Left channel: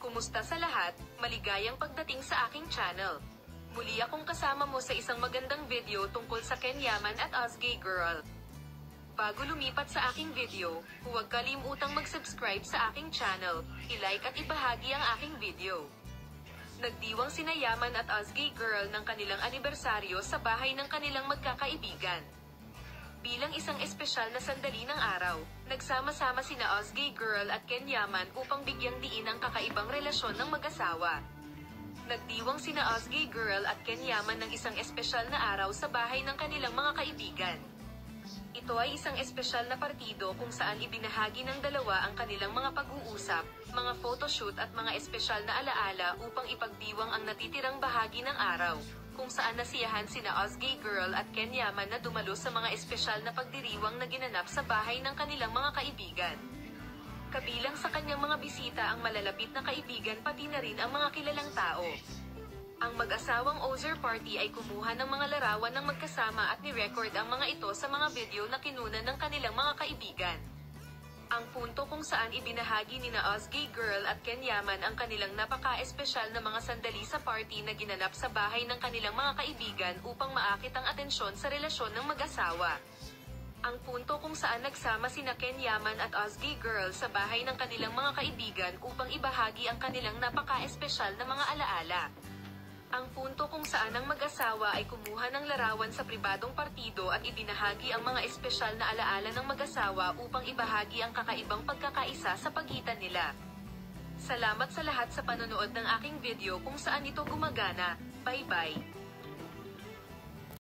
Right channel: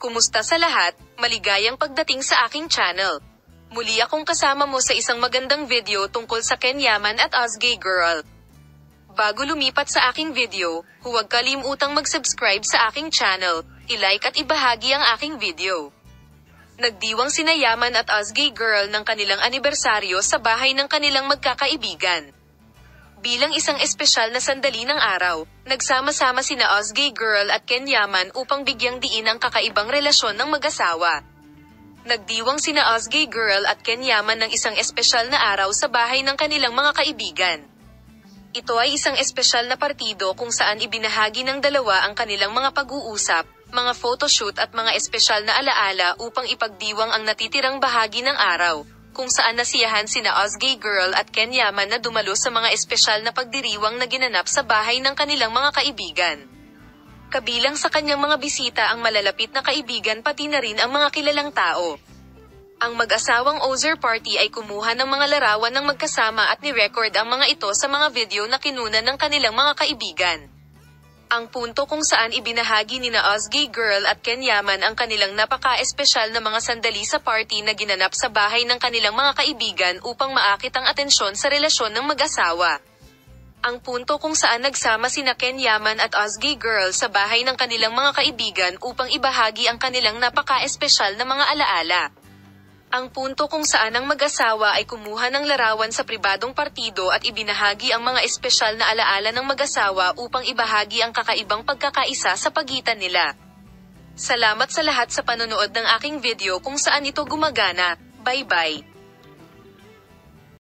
Kumusta sa lahat? Maligayang pagdating sa aking channel. Muli akong kasama mo sa isang magandang video tungkol sa Ken Yaman at Ozgay Girl. Bago lumipat sa aking video, huwag kalimutang mag-subscribe sa aking channel, i-like at ibahagi ang aking video. Nagdiwang sina Yaman at Ozgay Girl ng kanilang anibersaryo sa bahay ng kanilang magkakaibigan. Bilang isang espesyal na sandali ng araw, nagsama-sama sina Ozgay Girl at Ken Yaman upang bigyang diin ang kakaibang relasyon ng mag-asawa. Nagdiwang sina Ozgay Girl at Ken Yaman ng isang espesyal na araw sa bahay ng kanilang mga kaibigan. Ito ay isang espesyal na partido kung saan ibinahagi ng dalawa ang kanilang mga pag-uusap, mga photoshoot at mga espesyal na alaala upang ipagdiwang ang natitirang bahagi ng araw, kung saan nasiyahan sina Ozgay Girl at Ken Yaman na dumalo sa mga espesyal na pagdiriwang na ginanap sa bahay ng kanilang mga kaibigan. Kabilang sa kanyang mga bisita ang malalapit na kaibigan pati na rin ang mga kilalang tao. Ang mag-asawang Ozer Party ay kumuha ng mga larawan ng magkasama at ni-record ang mga ito sa mga video na kinunan ng kanilang mga kaibigan. Ang punto kung saan ibinahagi nina Ozgay Girl at Ken Yaman ang kanilang napaka-espesyal na mga sandali sa party na ginanap sa bahay ng kanilang mga kaibigan upang maakit ang atensyon sa relasyon ng mag-asawa. Ang punto kung saan nagsama sina Ken Yaman at Ozgay Girl sa bahay ng kanilang mga kaibigan upang ibahagi ang kanilang napaka-espesyal na mga alaala. Ang punto kung saan ang mag-asawa ay kumuha ng larawan sa pribadong partido at ibinahagi ang mga espesyal na alaala ng mag-asawa upang ibahagi ang kakaibang pagkakaisa sa pagitan nila. Salamat sa lahat sa panonood ng aking video kung saan ito gumagana. Bye-bye!